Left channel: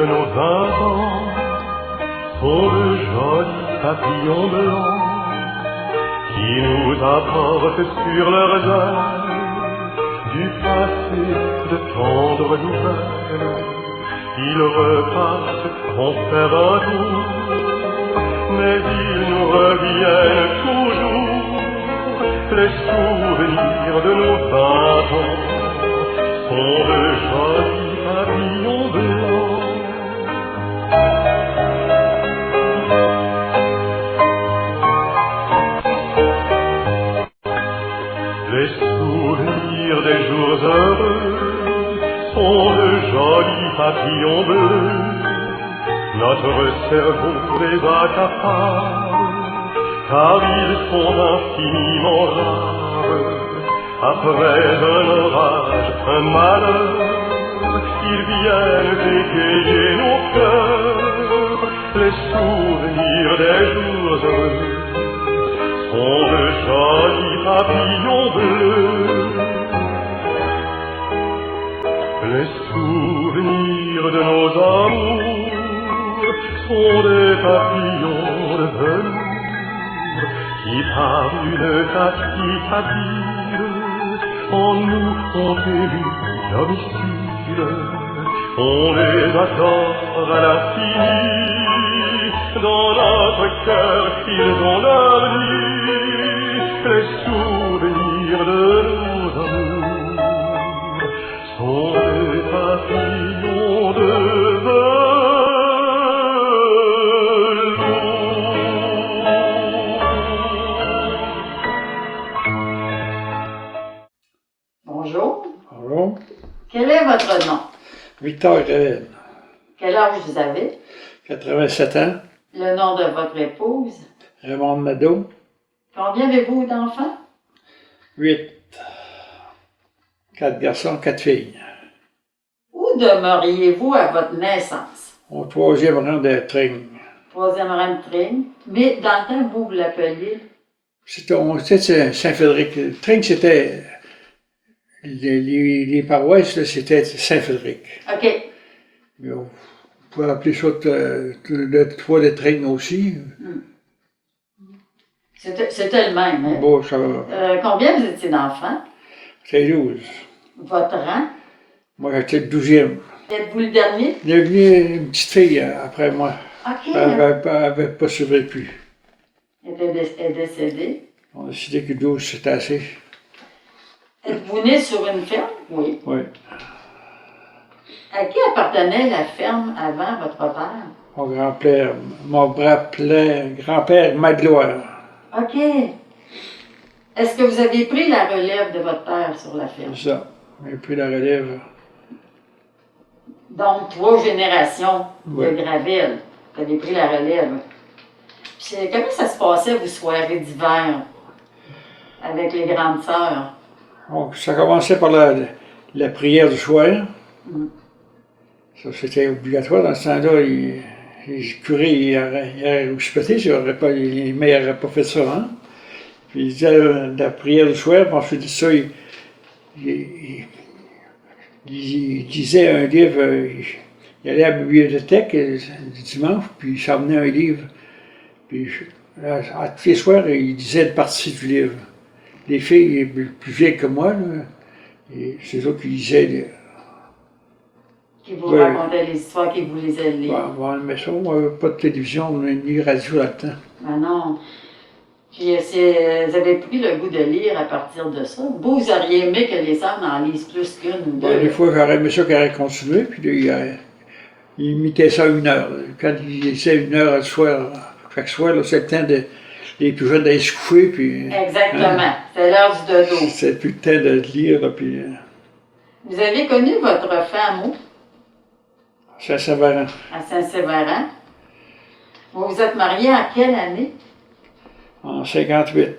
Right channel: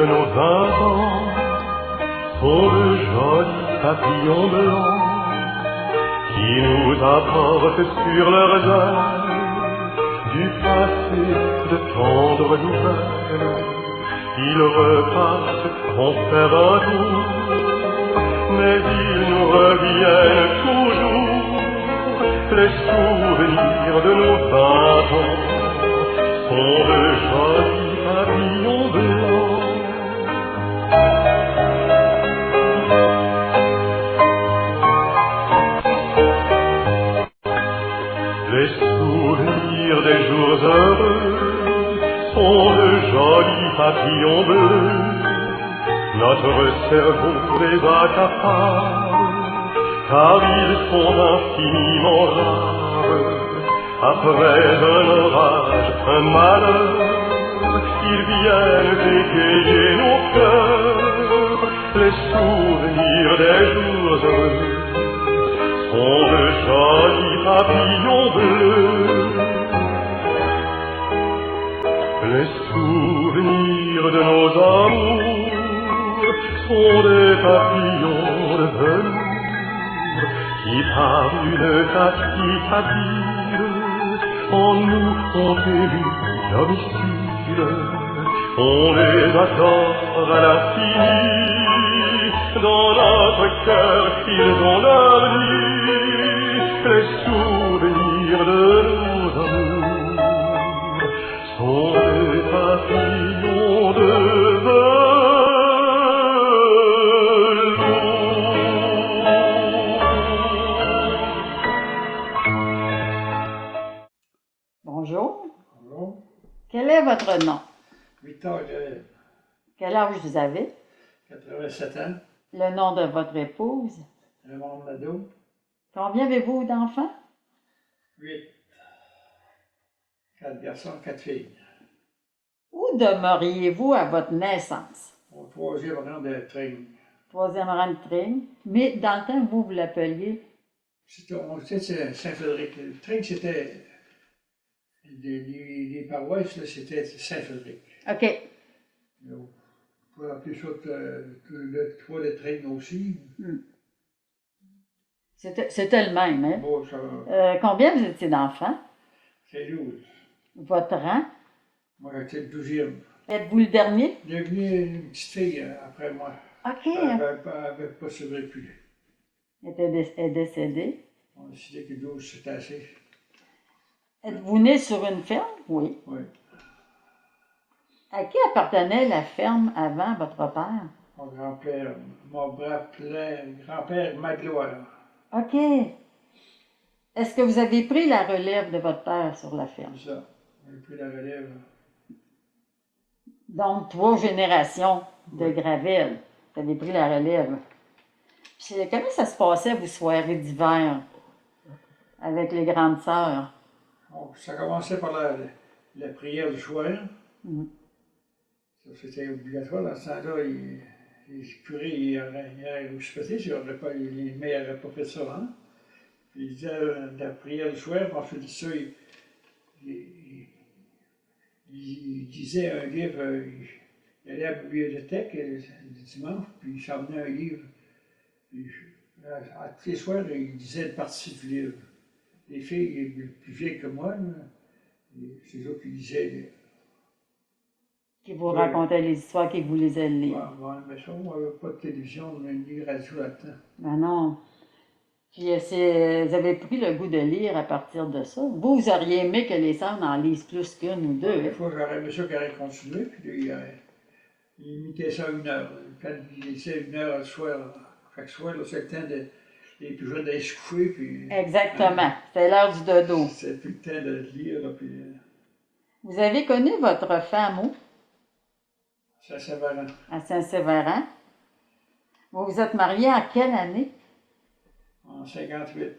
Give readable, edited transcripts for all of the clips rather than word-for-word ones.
de nos 20 ans sont de jolis papillons blancs qui nous apportent sur leurs ailes du passé de tendres nouvelles. Ils repartent en faire un tour, mais ils nous reviennent toujours. Les souvenirs de nos 20 ans sont de jolis papillons blancs. Les souvenirs des jours heureux sont de jolis papillons bleus. Notre cerveau les accapare, car ils sont infiniment rares. Après un orage, un malheur, ils viennent égayer nos cœurs. Les souvenirs des jours heureux sont de jolis papillons bleus. Les souvenirs de nos amours sont des papillons de velours qui par une tactique habile en nous ont élu domicile. On les attend à l'infini, dans notre cœur ils ont leur nid. Les souvenirs de nos amours sont des papillons de Bonjour. Bonjour. Quel est votre nom? Victor Gravel. Quel âge vous avez? 87 ans. Le nom de votre épouse? Raymond Nadeau. Combien avez-vous d'enfants? 8. 4 garçons, 4 filles. Où demeuriez-vous à votre naissance? Au 3e rang de Tring. 3e rang de Tring. Mais dans le temps, vous l'appeliez? C'était Saint-Fédéric. Tring, c'était... Les paroisses, là, c'était Saint-Fédéric. OK. Mais on pouvait appeler ça le 3 de Tring aussi. C'était le même, hein? Bon, ça va. Combien vous étiez d'enfants? C'est 12. Votre rang? Moi, j'étais le 12e. Êtes-vous le dernier? Il est venu une petite fille après moi. OK. Elle n'avait pas survécu. Elle est décédée. On a décidé que 12, c'était assez. Êtes-vous né sur une ferme? Oui. Oui. À qui appartenait la ferme avant votre père? Mon grand-père Magloire. OK. Est-ce que vous avez pris la relève de votre père sur la ferme? C'est ça. J'ai pris la relève. Donc, 3 générations Oui. de Gravel. Vous avez pris la relève. Puis, comment ça se passait, vos soirées d'hiver, avec les grandes sœurs? Donc, ça commençait par la prière du soir. Ça, c'était obligatoire. Dans ce temps-là, les curés, ils auraient rouspété, les mères n'auraient pas fait ça. Hein? Puis, ils disaient la prière du soir, puis ensuite de ça, il lisait un livre. Il allait à la bibliothèque le dimanche, puis il s'emmenait un livre. Puis, à tous les soirs, il disait une partie du livre. Les filles plus vieilles que moi, là, et c'est eux qui lisaient. Qui vous racontaient les histoires, qui vous lisaient le livre. Bon, mais ça, on n'avait pas de télévision ni radio là-dedans. Ben non. Puis vous avez pris le goût de lire à partir de ça. Vous auriez aimé que les femmes en lisent plus qu'une ou deux. Des fois, j'aurais aimé ça qu'elle aurait continué, puis là, il imitait ça 1 heure. Quand il lisait 1 heure le soir, chaque soir, c'est le temps les plus jeunes d'aller se coucher, puis... Exactement. C'est l'heure du dodo. C'est plus le temps de lire, là, puis... Vous avez connu votre femme où? Saint-Séverin. À Saint-Séverin. Vous vous êtes mariés en quelle année? En 58.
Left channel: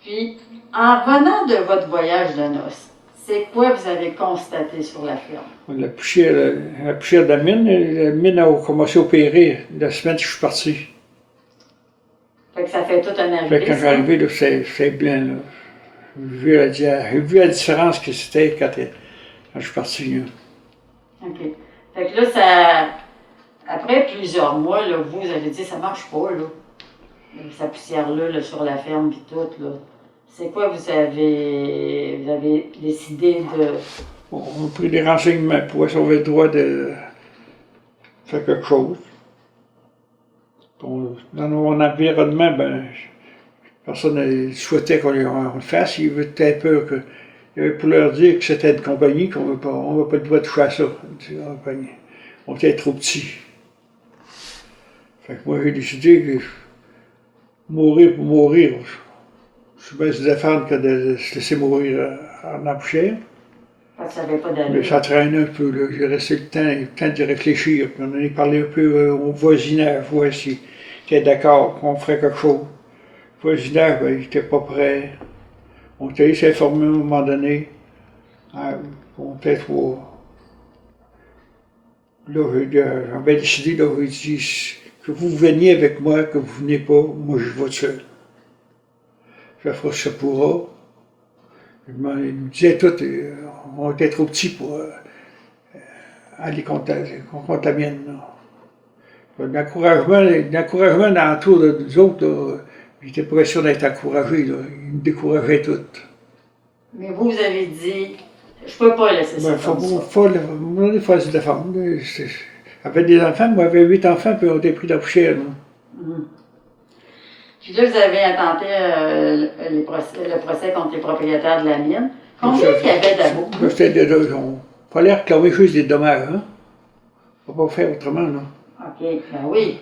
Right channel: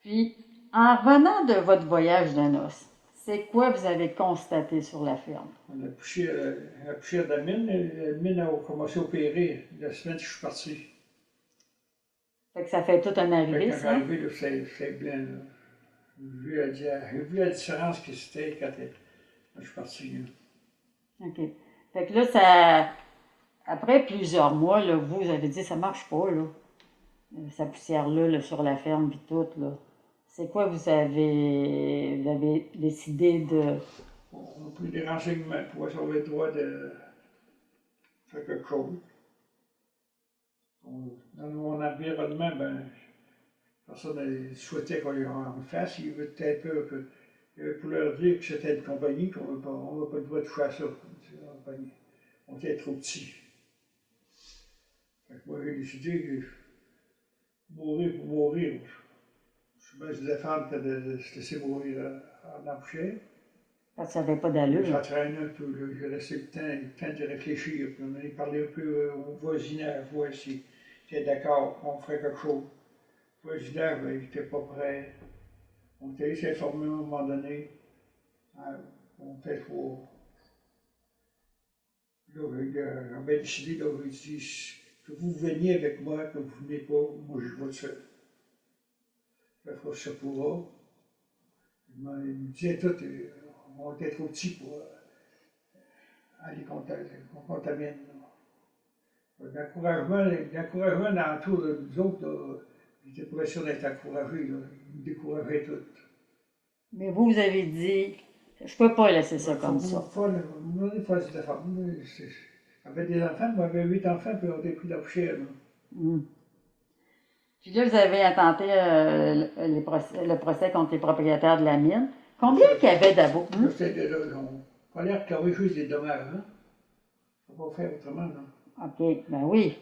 Puis, en revenant de votre voyage de noces, c'est quoi vous avez constaté sur la ferme? La poussière de la mine a commencé à opérer la semaine que je suis parti. Fait que ça fait tout un arrivé. Fait que quand je suis arrivé, là, c'est blanc. Là. J'ai vu la différence que c'était quand je suis parti. Là. OK. Fait que là, ça. Après plusieurs mois, là, vous avez dit ça marche pas, là. Sa poussière-là, là, sur la ferme, puis tout, là. C'est quoi vous avez décidé de. On a pris des renseignements pour sauver le droit de faire quelque chose. Dans mon environnement, ben, personne ne souhaitait qu'on le fasse. Il était peur que. Il avait pour leur dire que c'était une compagnie, qu'on n'avait pas le droit de toucher à ça. On était trop petits. Fait que moi, j'ai décidé que mourir pour mourir, je suis bien se défendre que de se laisser mourir en embouchure. Parce que ça n'avait pas d'allure. Mais ça traîne un peu, là. J'ai resté le temps de réfléchir. Puis on en a parlé un peu au voisinage, voir s'il était d'accord qu'on ferait quelque chose. Le voisinage, ben, il n'était pas prêt. On était allé s'informer à un moment donné. On était trop. Là, j'avais décidé, là, j'ai dit, que vous veniez avec moi, que vous venez pas, moi je vais seul. Je ferai ce que ça pourra. Il me disait tout, on était trop petits pour aller qu'on contamine. L'encouragement l'entour de nous autres, là, j'étais pas sûr d'être encouragé, là. Ils me décourageaient tout. Mais vous avez dit, je peux pas laisser ça comme ça. Il faut se défendre. J'avais des enfants, moi j'avais 8 enfants, puis on était pris dans la poussière. Puis là, vous avez intenté le procès contre les propriétaires de la mine. Combien il y avait d'avocats? Il fallait réclamer juste des dommages. Hein? On ne peut pas faire autrement, non? OK, ben oui.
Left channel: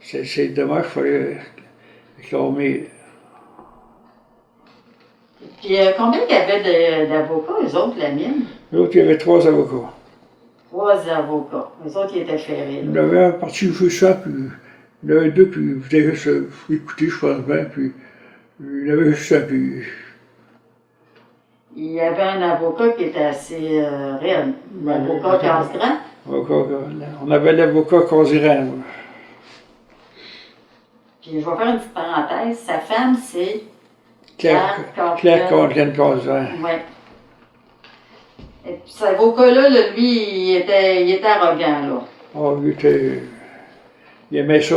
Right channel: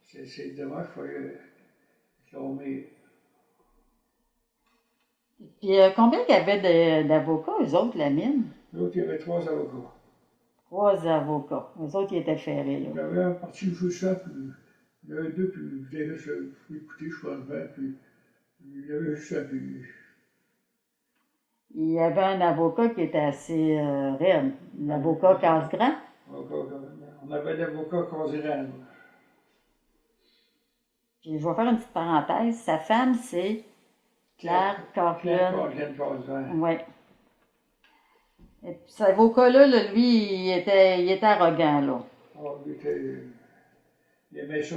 C'est dommage, il fallait réclamer. Puis combien il y avait d'avocats, eux autres, la mine? L'autre, il y avait 3 avocats. 3 avocats. Eux autres, ils étaient ferrés. Il y avait un parti juste ça, puis il y en avait 2, puis il voulait juste écouter, je pense bien, puis il y avait juste ça, puis. Il y avait un avocat qui était assez raide. L'avocat Casgrain. On avait l'avocat Casiran. Puis je vais faire une petite parenthèse. Sa femme, c'est Claire Casiran. Oui. Et puis cet avocat-là, lui, il était arrogant, là. Oh, il aimait ça.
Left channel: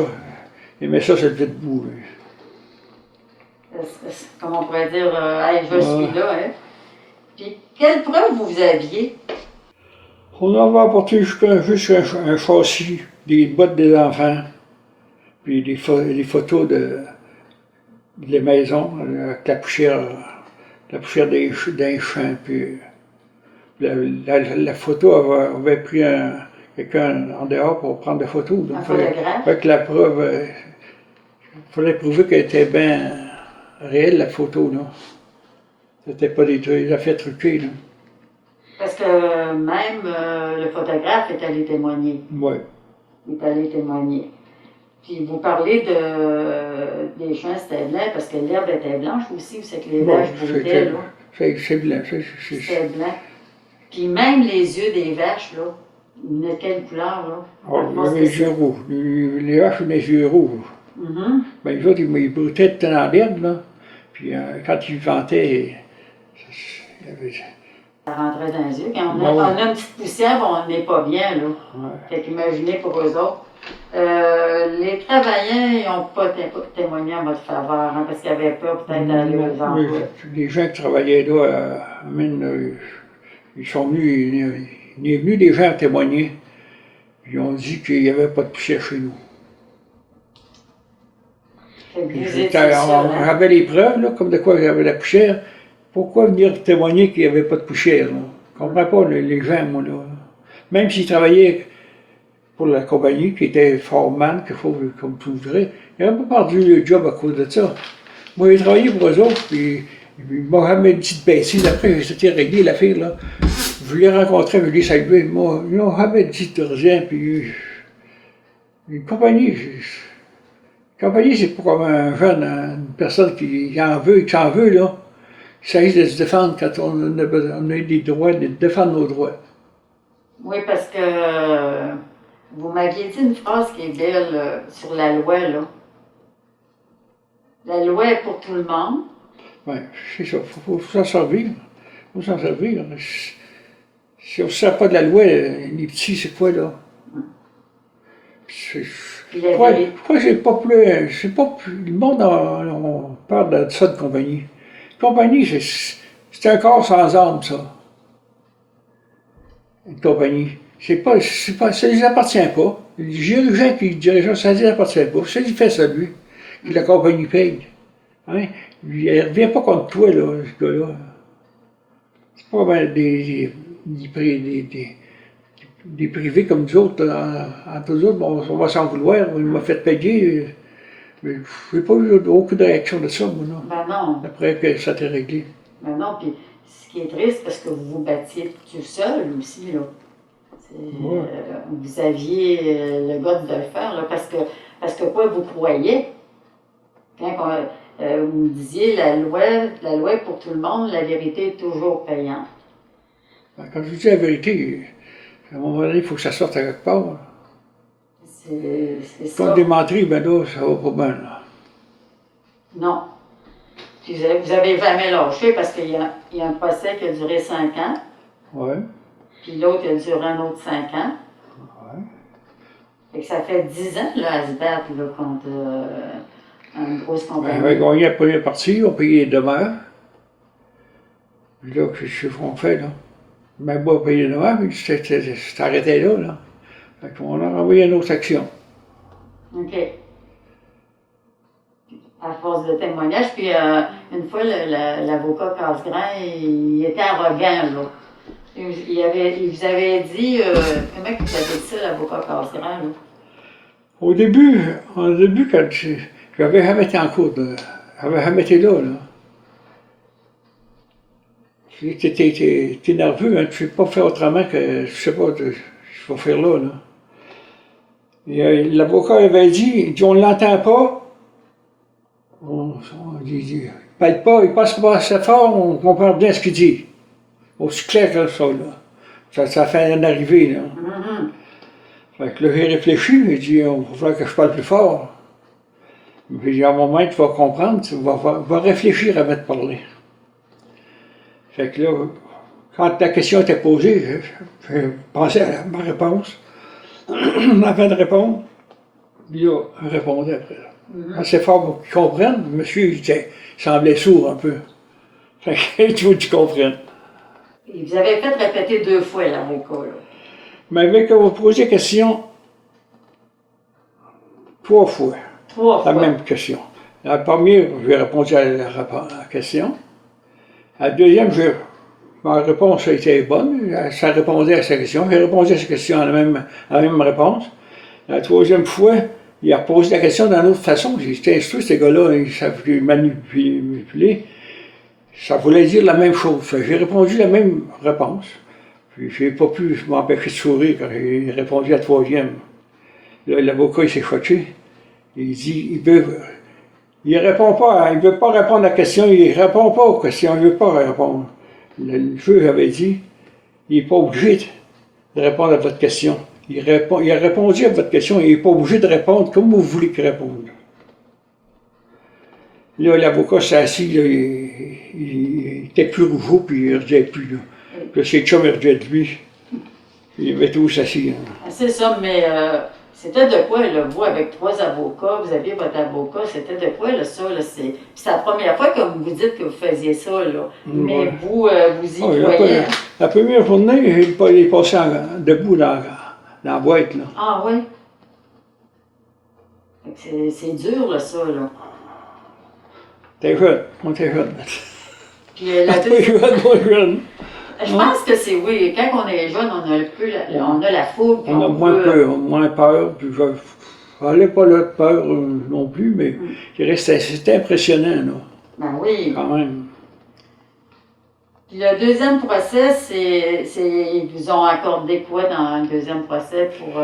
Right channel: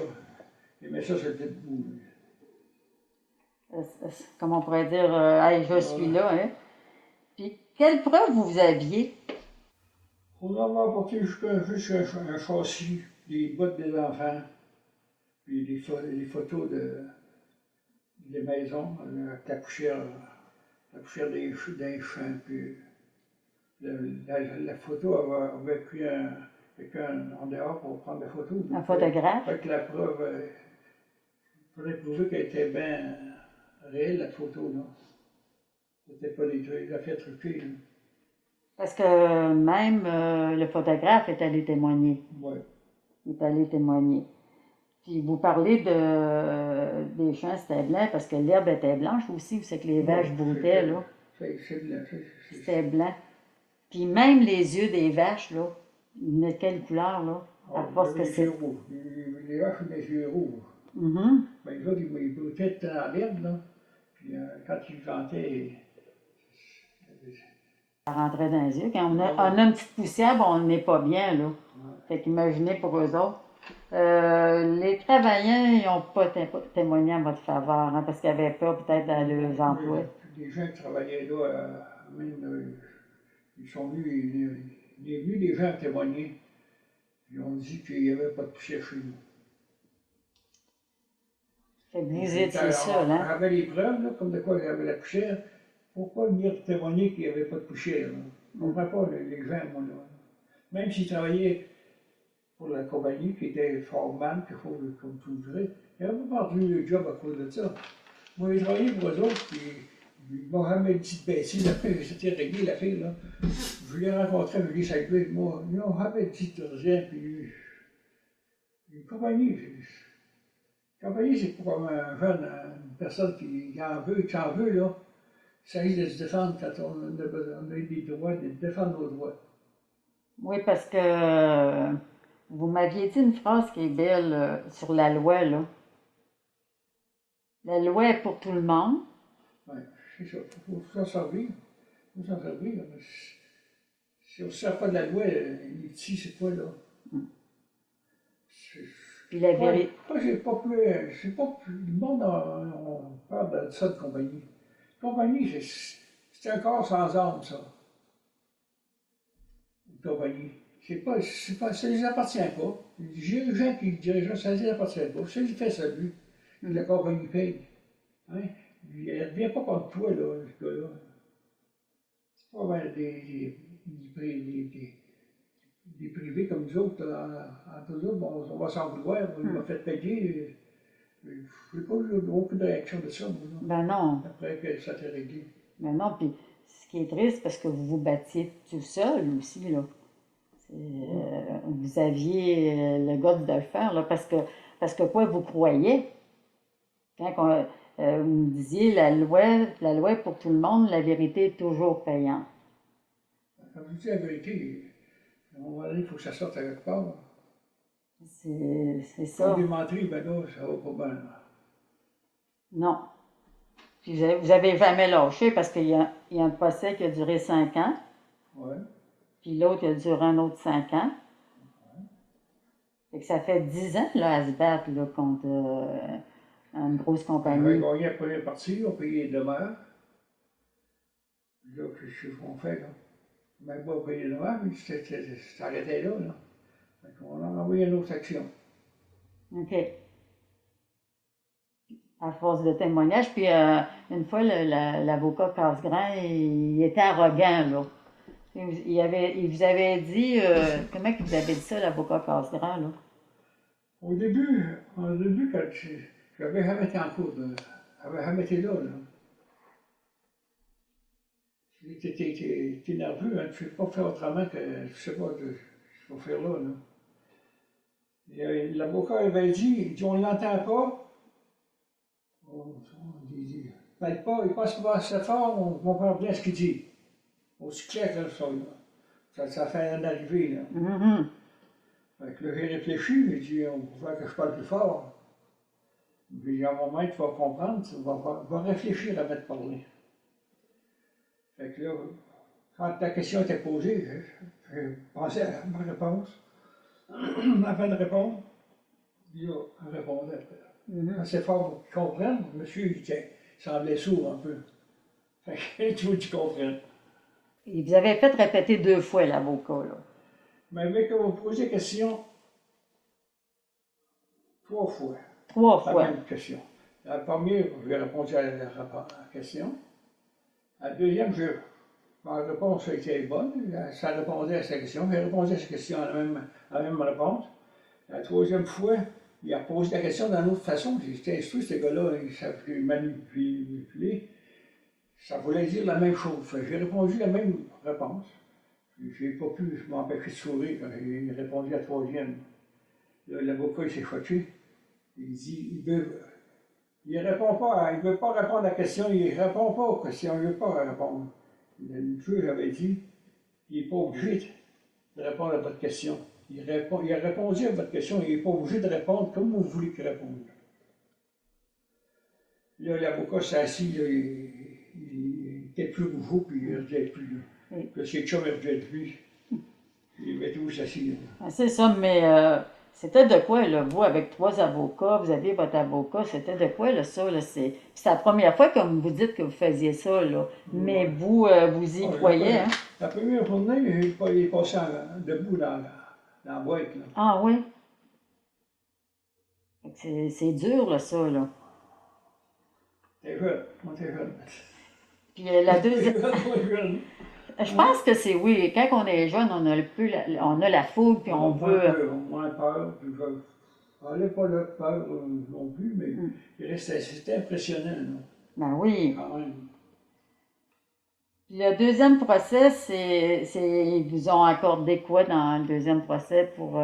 Il aimait ça, cette petite boue. Comme on pourrait dire, hey, je suis là, hein. Puis, quelle preuve vous aviez? On avait apporté juste un châssis, des bottes des enfants, puis des photos des maisons, avec la poussière d'un champ, puis la photo avait pris quelqu'un en dehors pour prendre des photos. Un photographe? Avec la preuve, il fallait prouver qu'elle était bien réelle, la photo, là. C'était pas des affaires truquées, là. Parce que même le photographe est allé témoigner. Oui. Il est allé témoigner. Puis vous parlez des champs, c'était blanc parce que l'herbe était blanche aussi, vous savez que les vaches broutaient, là. C'est blanc. C'était blanc. Puis même les yeux des vaches, là, ils venaient de quelle couleur, là? Oh, les yeux rouges. Les vaches ont des yeux rouges. Ben, les autres, ils broutaient tout dans l'herbe, là. Puis quand ils vantaient, ça rentrait dans les yeux. Quand on a une petite poussière, on n'est pas bien, là. Ouais. Fait qu'imaginez pour eux autres. Les travailleurs, ils n'ont pas témoigné en votre faveur, hein, parce qu'ils avaient peur peut-être d'aller aux emplois. Les gens qui travaillaient là, ils sont venus, il est venu des gens témoigner. Ils ont dit qu'il n'y avait pas de poussière chez nous. On avait les preuves, là, comme de quoi il y avait la poussière. Pourquoi venir témoigner qu'il n'y avait pas de poussière? Là? Je ne comprends pas les gens, moi, là. Même s'ils travaillaient pour la compagnie, qui était foreman, comme tu voudrais, ils n'avaient pas perdu le job à cause de ça. Moi, j'ai travaillé pour eux autres, puis ils m'ont jamais dit de baisser. Après, c'était réglé l'affaire, là. Je les rencontrais, je les saluais. Moi, ils n'ont jamais dit de rien, puis une compagnie, c'est pas comme un jeune, une personne qui en veut et qui s'en veut, là. Il s'agit de se défendre quand on a des droits, de défendre nos droits. Oui, parce que vous m'aviez dit une phrase qui est belle sur la loi, là. La loi est pour tout le monde. Oui, c'est ça. Il faut s'en servir. Il faut s'en servir. Si on ne sert pas de la loi, les petits, c'est quoi, là? C'est- Puis la Pourquoi, vérité. pourquoi j'ai pas plus. C'est pas plus. Le monde, on parle de ça de compagnie. Compagnie, c'est un corps sans âme, ça. Une compagnie. Ça ne les appartient pas. Les dirigeants qui dirigent, ça ne les appartient pas. Ça, il fait ça, lui. Puis la compagnie paye. Hein? Il ne revient pas contre toi, là, ce gars-là. C'est pas ben, des privés comme nous autres. Entre nous autres, on va s'en vouloir. Il m'a fait payer. Mais je n'ai pas eu aucune réaction de ça, moi, non. Ben non. Après que ça t'est réglé. Ben non, puis ce qui est triste, parce que vous vous battiez tout seul aussi, là. Vous aviez le goût de le faire, là, parce que quoi, vous croyez? Quand vous me disiez, la loi est pour tout le monde, la vérité est toujours payante. Quand je dis la vérité, à un moment donné, il faut que ça sorte à quelque part. C'est Quand ça. des menteries, ben là, ça va pas bien, là. Non. Puis vous avez jamais lâché parce qu'il y a un procès qui a duré 5 ans, Ouais. puis l'autre, il a duré un autre 5 ans. Ouais. Fait que ça fait 10 ans là, à se battre là, contre une grosse Ben, compagnie. on avait gagné la première partie, on payait les demeures. Puis là, qu'est-ce qu'on fait, là? Même pas payer les demeures, puis c'est arrêté là, là. Fait qu'on a envoyé une autre action. OK. À force de témoignages, puis une fois, l'avocat Casgrain, il était arrogant, là. Il vous avait dit, comment il vous avait dit ça, l'avocat Casgrain, là? Au début, quand j'avais jamais été en cours, j'avais jamais été là, là. T'es nerveux, hein, tu ne sais pas faire autrement que, je sais pas, je vais faire là, là. Et l'avocat avait dit, on ne l'entend pas, il parle pas, il passe pas assez fort, on comprend bien ce qu'il dit. Aussi clair que ça, là. Ça fait en arriver, là. Mm-hmm. Fait que là, j'ai réfléchi, j'ai dit, il va falloir que je parle plus fort. Puis j'ai dit, à un moment, tu vas comprendre, tu vas réfléchir avant de parler. Fait que là, quand la question était posée, je pensais à ma réponse. Avant de répondre, puis là, je répondais après. Assez fort pour qu'ils comprennent. Monsieur, il semblait sourd un peu. Fait que tu veux que tu comprennes. Il vous avait fait répéter 2 fois, l'avocat, là. Mais avec vous posez la question 3 fois. 3 La fois. même question. La première, j'ai répondu à la question. La deuxième, ma réponse a été bonne. Ça répondait à sa question. J'ai répondu à sa question à la même réponse. La troisième fois, il a posé la question d'une autre façon. J'étais instruit, ces gars-là, ils savent manipuler. Ça voulait dire la même chose. J'ai répondu la même réponse. Puis j'ai pas pu m'empêcher de sourire quand j'ai répondu à la troisième. Là, l'avocat, il s'est choqué. Il dit, il répond pas, il veut pas répondre à la question, il répond pas aux questions, il veut pas répondre. Le juge avait dit, il n'est pas obligé de répondre à votre question. Il a répondu à votre question, il n'est pas obligé de répondre comme vous voulez qu'il réponde. Là, l'avocat s'est assis, là, il était plus rougeau, puis il ne redisait plus. Là. Puis ses chums, ils redisaient de lui. Il avait tous assis. Hein. Ah, c'est ça, mais c'était de quoi, là, vous, avec 3 avocats, vous aviez votre avocat, c'était de quoi, là, ça, là, c'est la première fois que vous dites que vous faisiez ça, là, mais Ouais. vous y croyez, hein? La première journée, il est passé debout dans la boîte, là. Ah oui? C'est dur, là, ça, là. T'es jeune, on était jeune. Puis la T'es deuxième... jeune, moi jeune. Je pense que c'est, oui, quand on est jeune, on a un peu on a la fougue, puis On a on moins peut... peur, moins peur. Puis je n'avais pas là de peur non plus, mais c'était impressionnant, là, Ben oui. quand même. Puis le deuxième procès, ils vous ont accordé quoi dans le deuxième procès pour...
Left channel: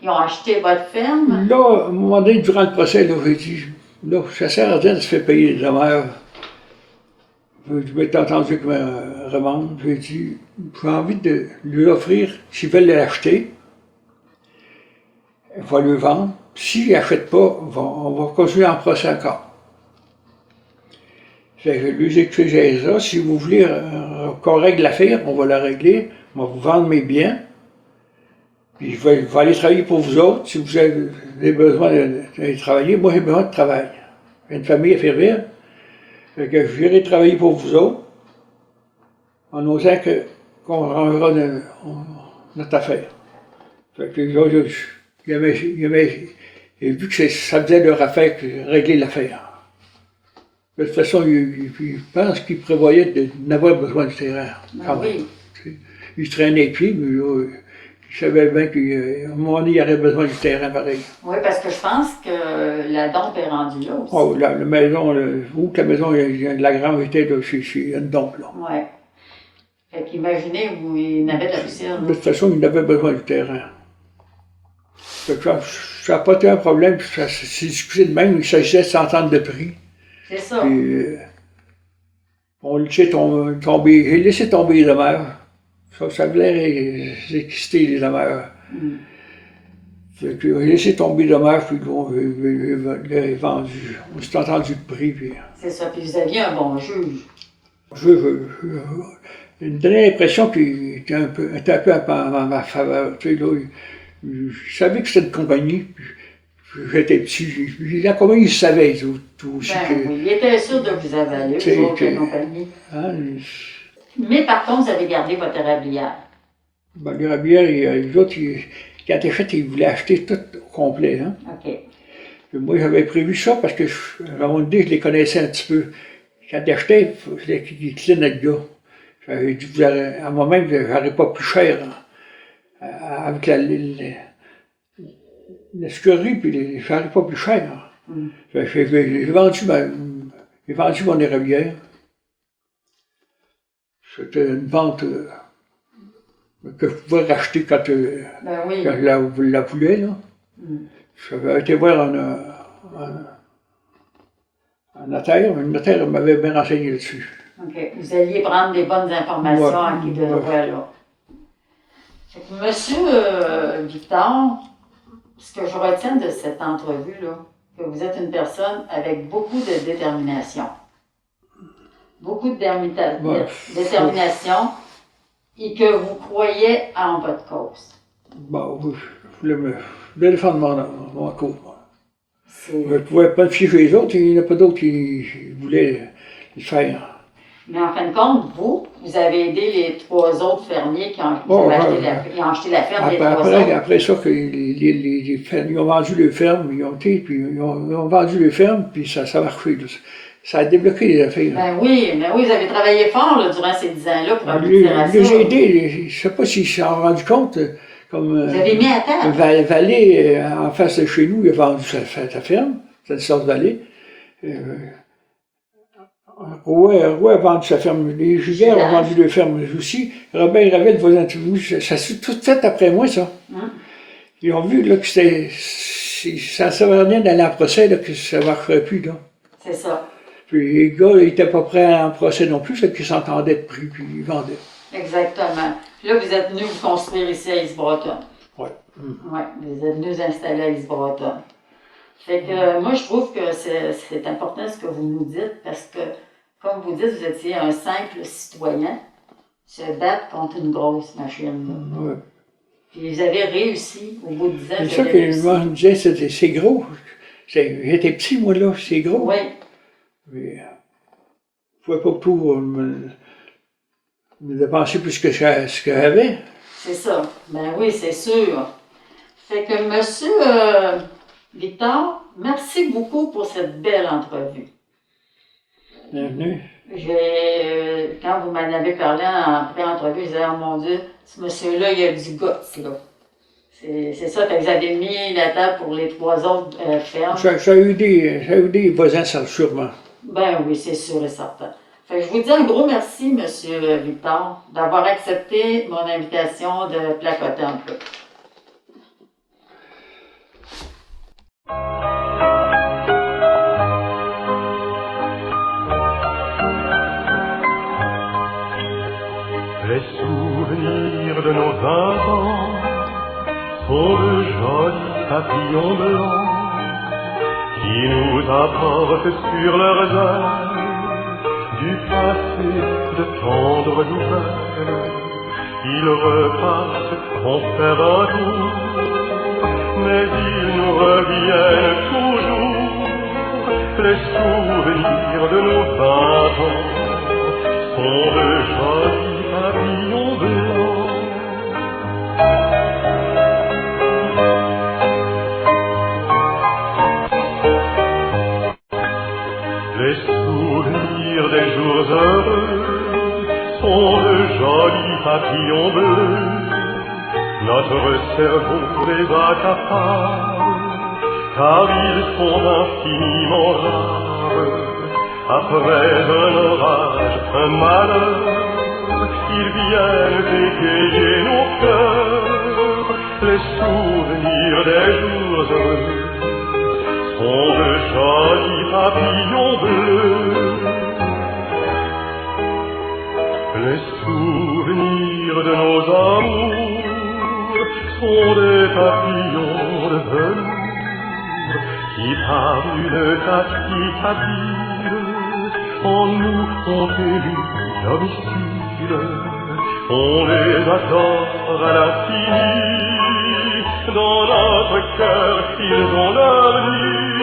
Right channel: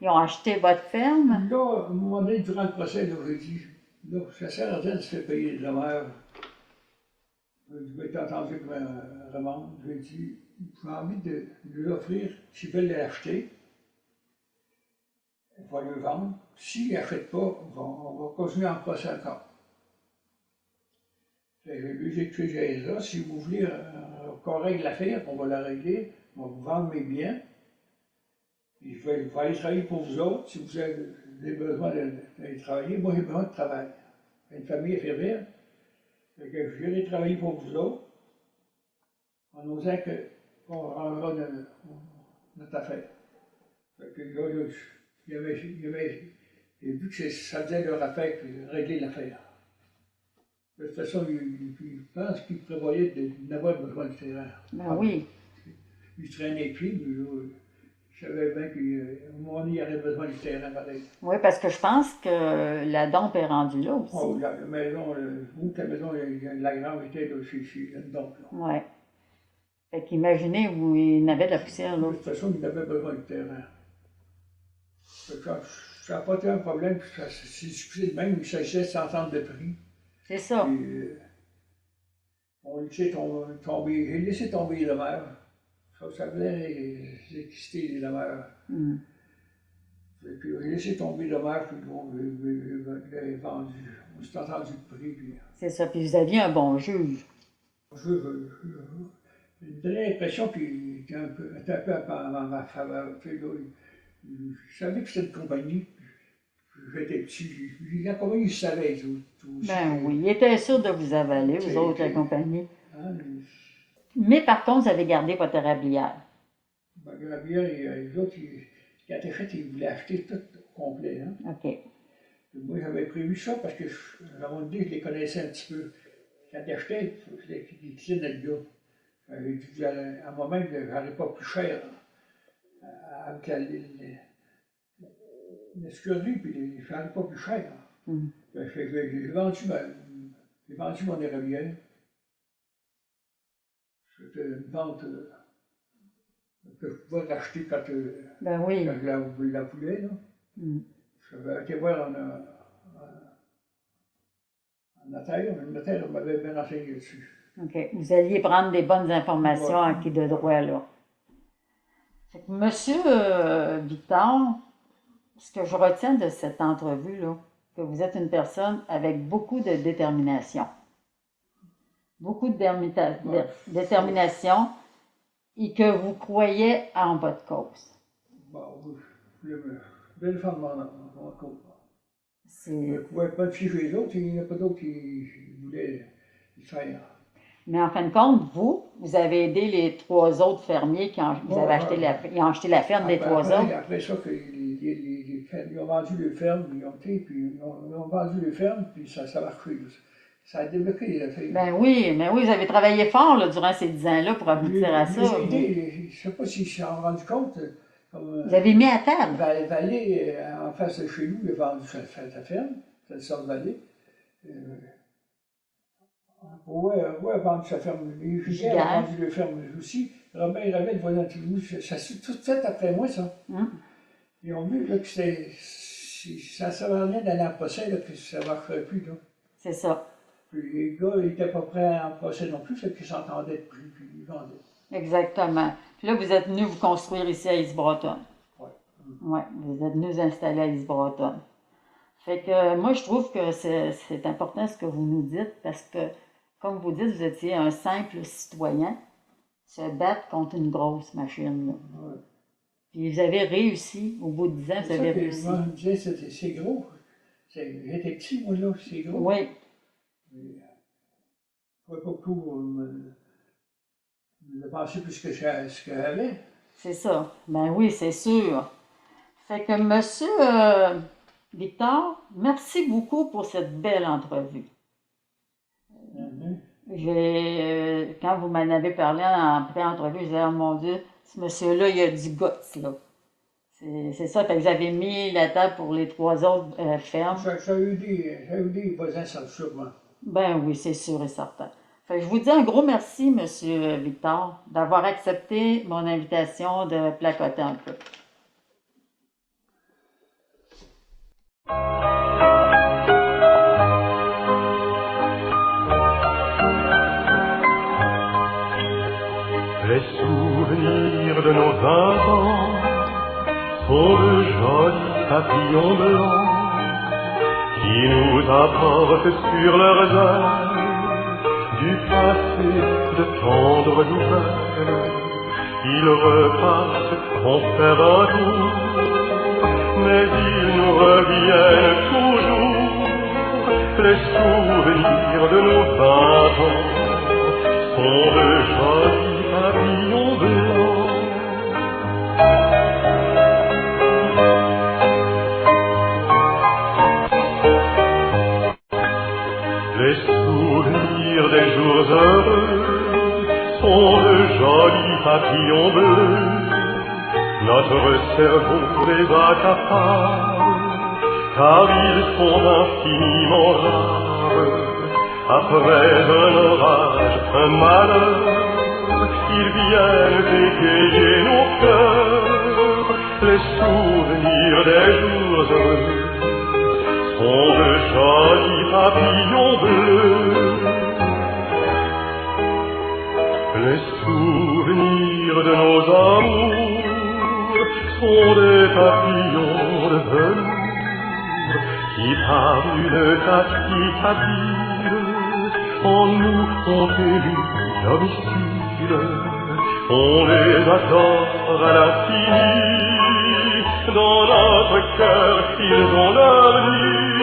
ils ont acheté votre ferme? Là, à un moment donné, durant le procès, là, j'ai dit, là, ça sert à rien de se faire payer les dommages. Je m'étais entendu comme un revendre. J'ai dit, j'ai envie de lui offrir, s'ils veulent l'acheter, il va le vendre. S'il n'achète pas, on va continuer en procès encore. Fait que je lui ai expliqué ça. Si vous voulez qu'on règle l'affaire, on va la régler. je vais vous vendre mes biens, puis je vais aller travailler pour vous autres. Si vous avez besoin d'aller travailler, moi j'ai besoin de travail. J'ai une famille à faire vivre. Fait que je viendrai travailler pour vous autres, en osant qu'on rangera notre affaire. Fait que là, j'ai vu que ça faisait leur affaire que régler l'affaire. De toute façon, il pense qu'il prévoyait d'avoir besoin du terrain. Ben oui. Il traînait les pieds, mais là, il savait bien qu'à un moment donné, il aurait besoin du terrain pareil. Oui, parce que je pense que la dompe est rendue là aussi. Oh, la maison, où que la maison de la grange était, là, c'est une dompe, là. Oui. Fait qu'imaginez où il n'avait de la poussière, là. De toute façon, il avait besoin du terrain. Fait que ça n'a pas été un problème, ça s'est discuté de même, il s'agissait de s'entendre de prix. C'est ça. Puis, on laissait tomber, j'ai laissé tomber les demeures. Ça voulait exister, les demeures. Mm. Fait que j'ai laissé tomber les demeures, puis on l'a vendu. On s'est entendu de prix. Puis, C'est ça. Puis vous aviez un bon juge. Il me donnait l'impression qu'il était un peu en ma faveur. Tu sais, là, je savais que c'était une compagnie. Puis j'étais petit. La compagnie, je savais tout aussi. Ben oui, il était sûr de vous avaler, vous autres, la compagnie. Hein, Mais par contre, vous avez gardé votre érablière. ben, l'érablière, les autres, quand ils achètent, ils voulaient acheter tout au complet. Hein. OK. Puis moi, j'avais prévu ça parce que, à un moment donné, je les connaissais un petit peu. Quand ils achetaient, il fallait qu'ils clignent notre gars. J'avais dit, à moi-même, je n'aurais pas plus cher. Hein, avec la scurie, puis je n'aurais pas plus cher. Mm. J'ai vendu mon érablière. C'était une vente que je pouvais racheter quand Ben oui. je la voulais. Là. Mm. J'avais été voir un notaire, le notaire m'avait bien renseigné là-dessus. OK. Vous alliez prendre des bonnes informations Ouais. à qui de droit, là. Fait que Monsieur Victor, ce que je retiens de cette entrevue, là, que vous êtes une personne avec beaucoup de détermination. Beaucoup de détermination et que vous croyez en votre cause. Bon, je voulais défendre mon cause. C'est- Je ne pouvais pas me fier sur les autres, il n'y en a pas d'autres qui voulaient le faire. Mais en fin de compte, vous avez aidé les 3 autres fermiers qui ont, ils ont acheté la ferme des 3 autres. Après ça, que les fermes, ils ont vendu les fermes, ils ont vendu les fermes, puis ça a marché. Là. Ça a débloqué les affaires. Ben oui, mais oui, vous avez travaillé fort là, durant ces 10 ans-là pour aboutir à ça. J'ai aidé, je ne sais pas s'ils s'en sont rendus compte, comme Vous avez mis à table. Vallée, en face de chez nous, il a vendu sa ferme, c'est une sorte de Vallée. Roy a vendu sa ferme. Les Giguère ont vendu leur ferme aussi. Robert Ravel, voisin de nous, ça s'est tout fait après moi, ça. Ils ont vu là, que ça ne servait à rien d'aller en procès, là, que ça ne marcherait plus. Là. C'est ça. Puis les gars n'étaient pas prêts à aller en procès non plus, fait qu'ils s'entendaient de prix, puis ils vendaient. Exactement. Puis là, vous êtes venu vous construire ici à East-Breton. Oui. Oui, vous êtes venu vous installer à East-Breton. Fait que moi, je trouve que c'est important ce que vous nous dites parce que, comme vous dites, vous étiez un simple citoyen se battre contre une grosse machine. Ouais. Puis vous avez réussi, au bout de 10 ans, C'est vous ça avez que réussi. moi, je me disais, c'est gros. J'étais petit, moi, là, c'est gros. Oui, Mais je ne pouvais pas tout me dépenser plus que ce que j'avais. c'est ça. Ben oui, c'est sûr. Fait que, monsieur Victor, merci beaucoup pour cette belle entrevue. Bienvenue. Quand vous m'en avez parlé en pré-entrevue, je disais, oh mon Dieu, ce monsieur-là, il a du guts, là. C'est ça, fait que vous avez mis la table pour les 3 autres fermes. Ça a eu des voisins, ça, sûrement. Ben oui, c'est sûr et certain. Fait que je vous dis un gros merci, monsieur Victor, d'avoir accepté mon invitation de placoter un peu. Les souvenirs de nos enfants sont de jolis papillons blancs qui nous apportent sur leurs ailes du passé de tendres nouvelles ils repartent en faire un tour, mais ils nous reviennent toujours. Les souvenirs de nos 20 ans sont de jolis papillons blancs. Les souvenirs des jours heureux sont de jolis papillons bleus. Notre cerveau les accapare, car ils sont infiniment rares. Après un orage, un malheur, ils viennent égayer nos cœurs. Les souvenirs des jours heureux sont de jolis papillons bleus. Les souvenirs de nos amours sont des papillons de velours qui par une tactique habile en nous ont élu domicile. On les adore à l'infini, dans notre cœur ils ont leur nid.